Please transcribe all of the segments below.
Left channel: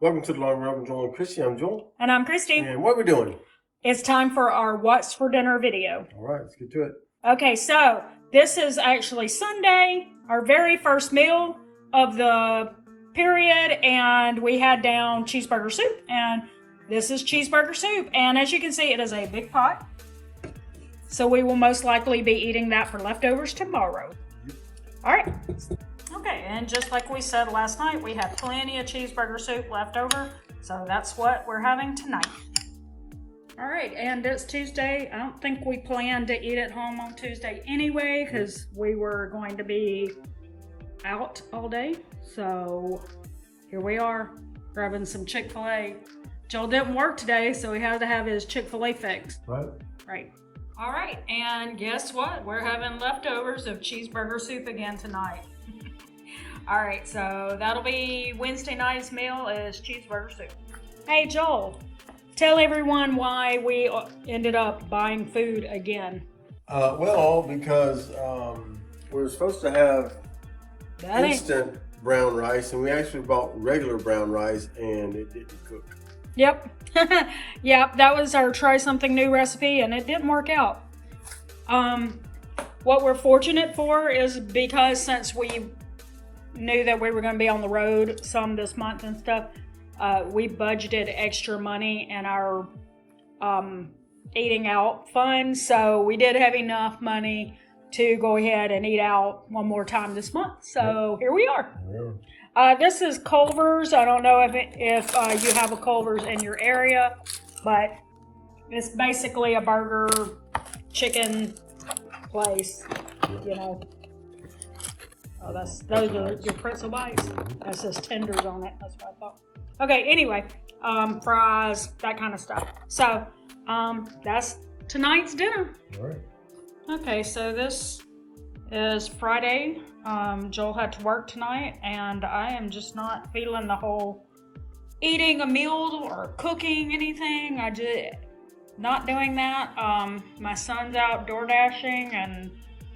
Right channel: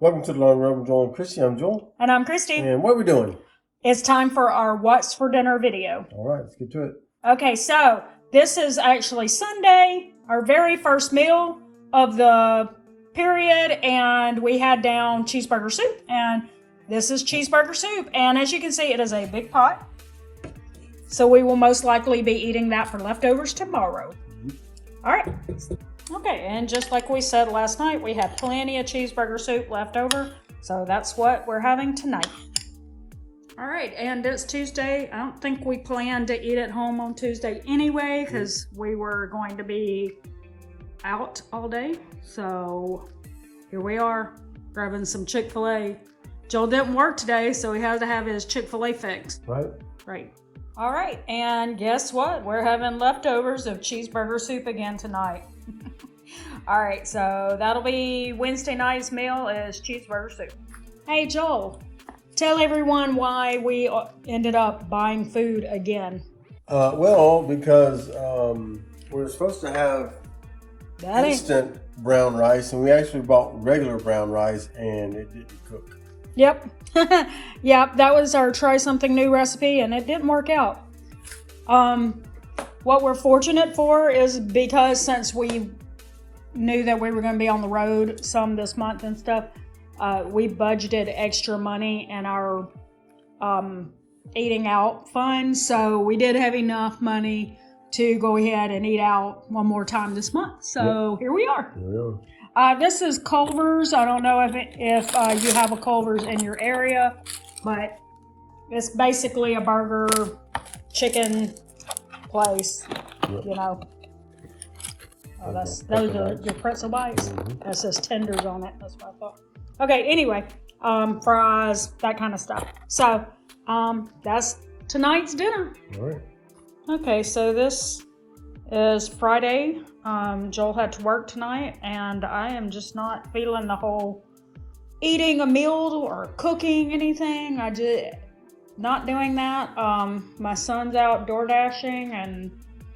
Welcome to the Long Run with Joel and Christy. I'm Joel. And I'm Christy. And what are we doing? It's time for our What's for Dinner video. All right, let's get to it. Okay, so this is actually Sunday, our very first meal of the period, and we had down cheeseburger soup, and this is cheeseburger soup, and as you can see, it is a big pot, so we will most likely be eating that for leftovers tomorrow. All right. Okay, and just like we said last night, we had plenty of cheeseburger soup left over, so that's what we're having tonight. All right, and it's Tuesday. I don't think we planned to eat at home on Tuesday anyway, because we were going to be out all day. So here we are, grabbing some Chick-fil-A. Joel didn't work today, so he had to have his Chick-fil-A fix. Right. All right, and guess what? We're having leftovers of cheeseburger soup again tonight. All right, so that'll be Wednesday night's meal is cheeseburger soup. Hey, Joel, tell everyone why we ended up buying food again. Because we were supposed to have instant brown rice, and we actually bought regular brown rice, and it didn't cook. Yep. Yep, that was our try something new recipe, and it didn't work out. What we're fortunate for is because since we knew that we were going to be on the road some this month and stuff, we budgeted extra money in our eating out fund, so we did have enough money to go ahead and eat out one more time this month. So Here we are. This is Culver's. I don't know if you have a Culver's in your area, but it's basically a burger, chicken place, you know. Oh, those are your pretzel bites. That says tenders on it. That's what I thought. Okay, anyway, fries, that kind of stuff. So, that's tonight's dinner. All right. Okay, so this is Friday. Joel had to work tonight, and I am just not feeling the whole eating a meal or cooking anything. I just not doing that. My son's out door dashing, and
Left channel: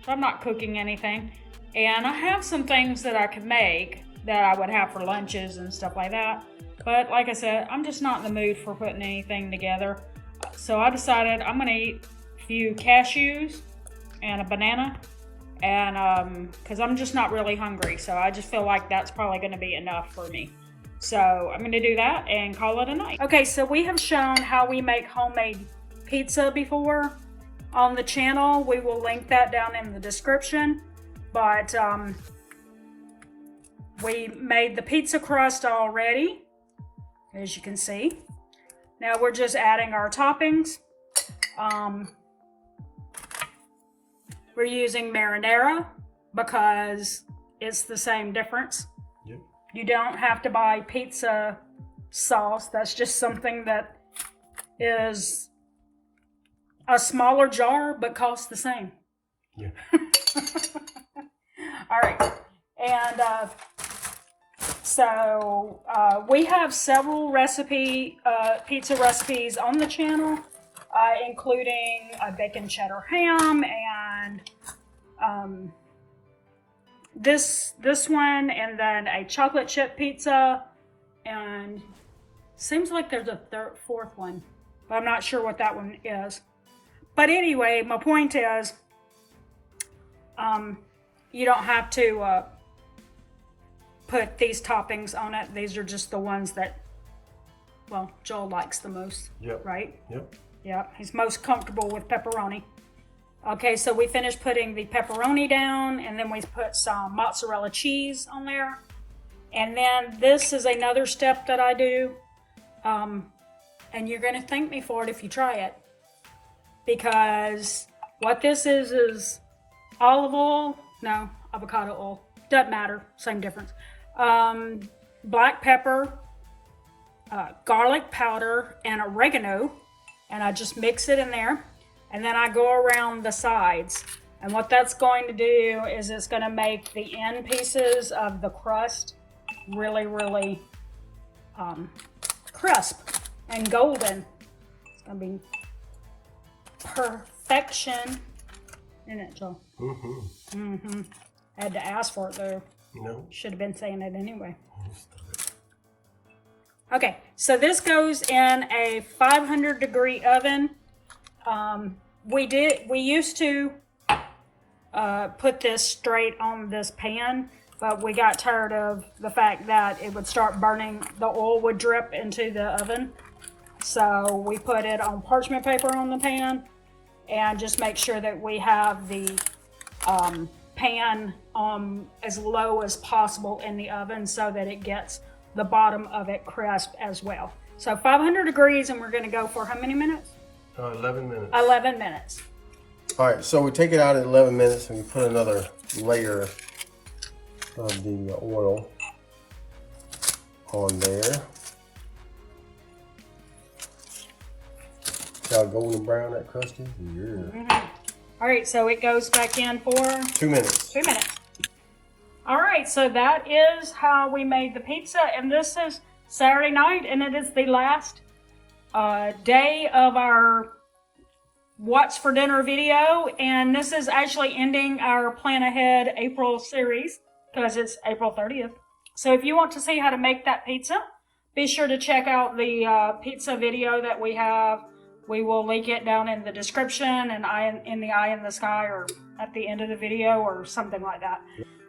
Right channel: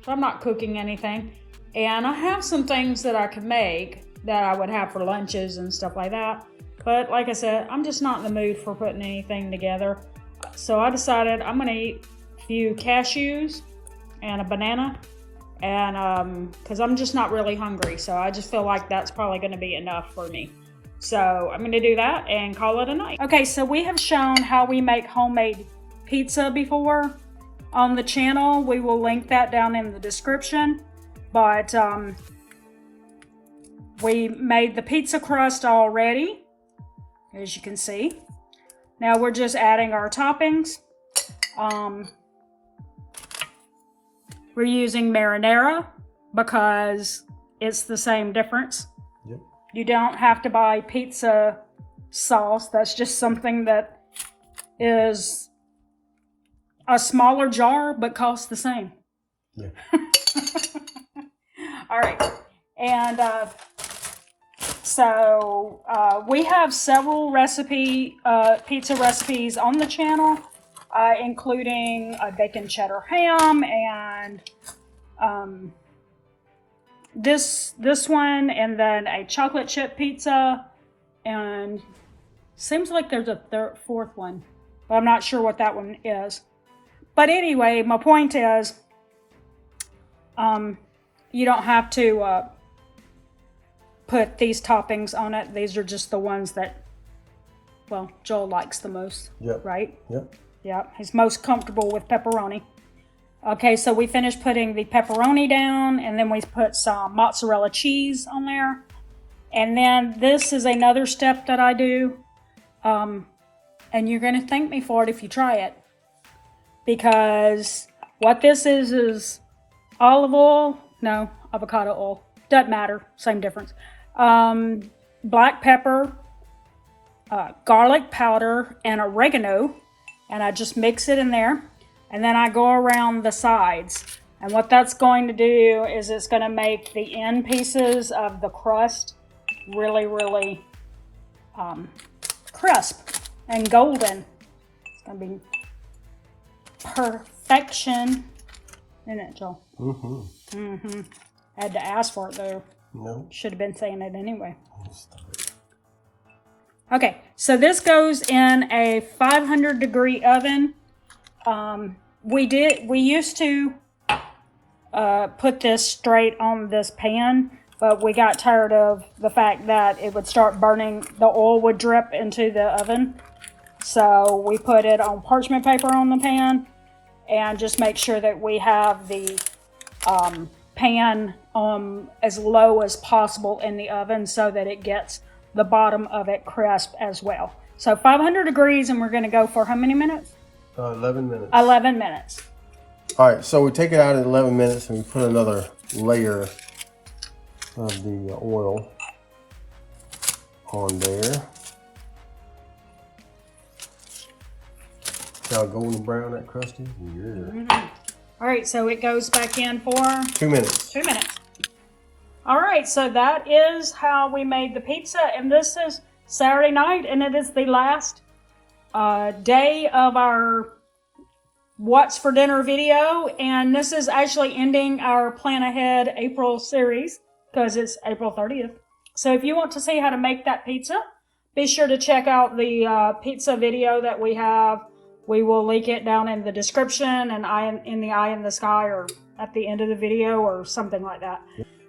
so I'm not cooking anything. And I have some things that I could make that I would have for lunches and stuff like that. But like I said, I'm just not in the mood for putting anything together. So I decided I'm going to eat a few cashews and a banana. And because I'm just not really hungry. So I just feel like that's probably going to be enough for me. So I'm going to do that and call it a night. Okay, so we have shown how we make homemade pizza before on the channel. We will link that down in the description. But we made the pizza crust already, as you can see. Now we're just adding our toppings. We're using marinara because it's the same difference. Yep. You don't have to buy pizza sauce. That's just something that is a smaller jar but costs the same. Yeah. All right, and so we have several pizza recipes on the channel, including a bacon cheddar ham and this one, and then a chocolate chip pizza, and seems like there's a fourth one, but I'm not sure what that one is. But anyway, my point is, you don't have to put these toppings on it. These are just the ones that, well, Joel likes the most. Yep. Right? Yep. Yeah, he's most comfortable with pepperoni. Okay, so we finished putting the pepperoni down, and then we put some mozzarella cheese on there. And then this is another step that I do. And you're going to thank me for it if you try it. Because what this is olive oil. No, avocado oil. Doesn't matter. Same difference. Black pepper, garlic powder, and oregano. And I just mix it in there. And then I go around the sides. And what that's going to do is it's going to make the end pieces of the crust really, really crisp and golden. It's going to be perfection. Isn't it, Joel? Mm-hmm. Mm-hmm. I had to ask for it, though. No. Should have been saying it anyway. Okay, so this goes in a 500 degree oven. We used to put this straight on this pan, but we got tired of the fact that it would start burning, the oil would drip into the oven. So we put it on parchment paper on the pan and just make sure that we have the pan as low as possible in the oven so that it gets the bottom of it crisp as well. So 500 degrees, and we're going to go for how many minutes? 11 minutes. 11 minutes. All right, so we take it out at 11 minutes and we put another layer of the oil on there. See how golden brown that crust is? Yeah. Mm-hmm. All right, so it goes back in for 2 minutes. 2 minutes. All right, so that is how we made the pizza, and this is Saturday night, and it is the last day of our What's for Dinner video, and this is actually ending our Plan Ahead April series because it's April 30th. So if you want to see how to make that pizza, be sure to check out the pizza video that we have. We will link it down in the description and in the eye in the sky or at the end of the video or something like that.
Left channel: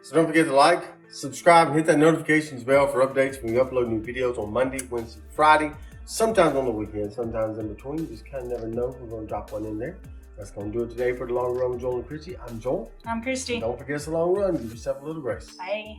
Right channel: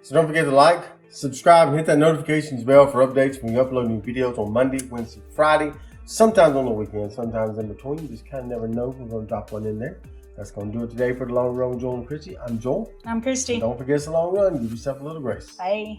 So don't forget to like, subscribe, and hit that notifications bell for updates when we upload new videos on Monday, Wednesday, Friday. Sometimes on the weekend, sometimes in between. You just kind of never know. We're going to drop one in there. That's going to do it today for The Long Run with Joel and Christy. I'm Joel. I'm Christy. And don't forget it's a long run. Give yourself a little grace. Bye.